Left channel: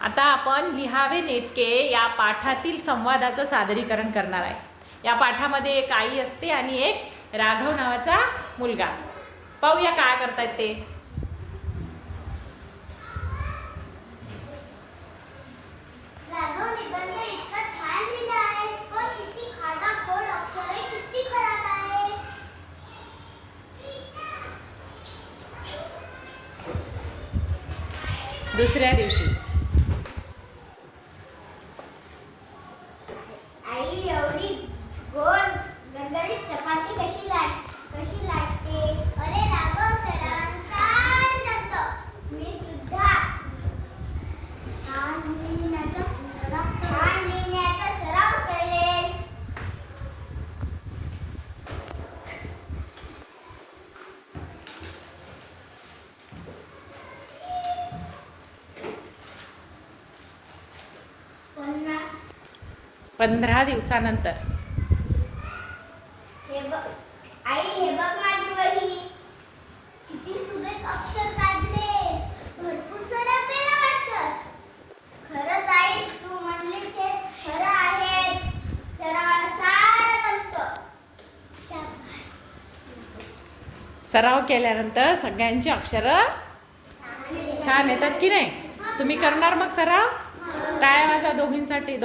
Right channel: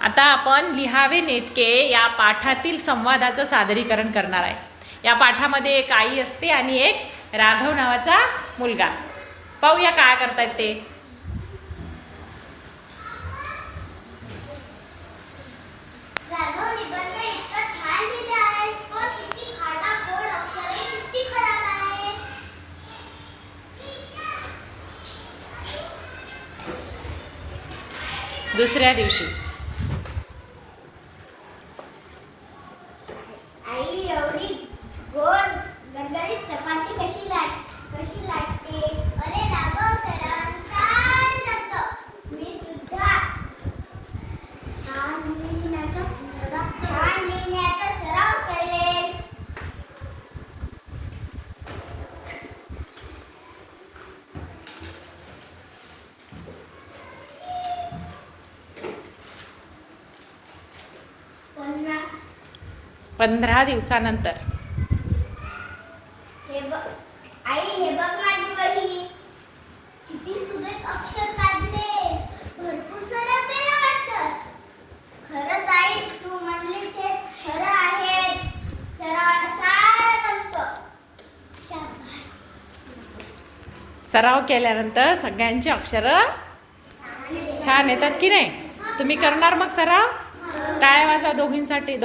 आता आपण लिहावे नेटके या पाठातील संवादाचं सादरीकरण करणार आहे. या पाठामध्ये एक आई असते आणि एक राघव नावाचा मुलगा. पाहूया काय करतायत ते. राघव निबंध इतका छान लिहिला आहेस, पण किती खाडाखोड अक्षरे, किती खराब आहे. दुसऱ्या दिवशी आई एवढी गोड गरगरीत चपाती कशी लाटते. अरे राघव, सरावाने सारे जमतं. मी सुद्धा छान लिहिण्याचा सराव करेल. पुन्हा 15 दिवसानंतर आई, हे बघ माझी वही. किती सुरेख अक्षर काढलेस. भरपूर सराव केला वाटतंस. खरंच आई, तू म्हणली ते खरं आहे. सरावाला सारं जमतं. शाबास. सराव केल्यानंतर सगळ्यांची अक्षरं छान येतात की नाही. तुम्ही करणार मग सराव. टाळ्या वाजवा दोघांसाठी.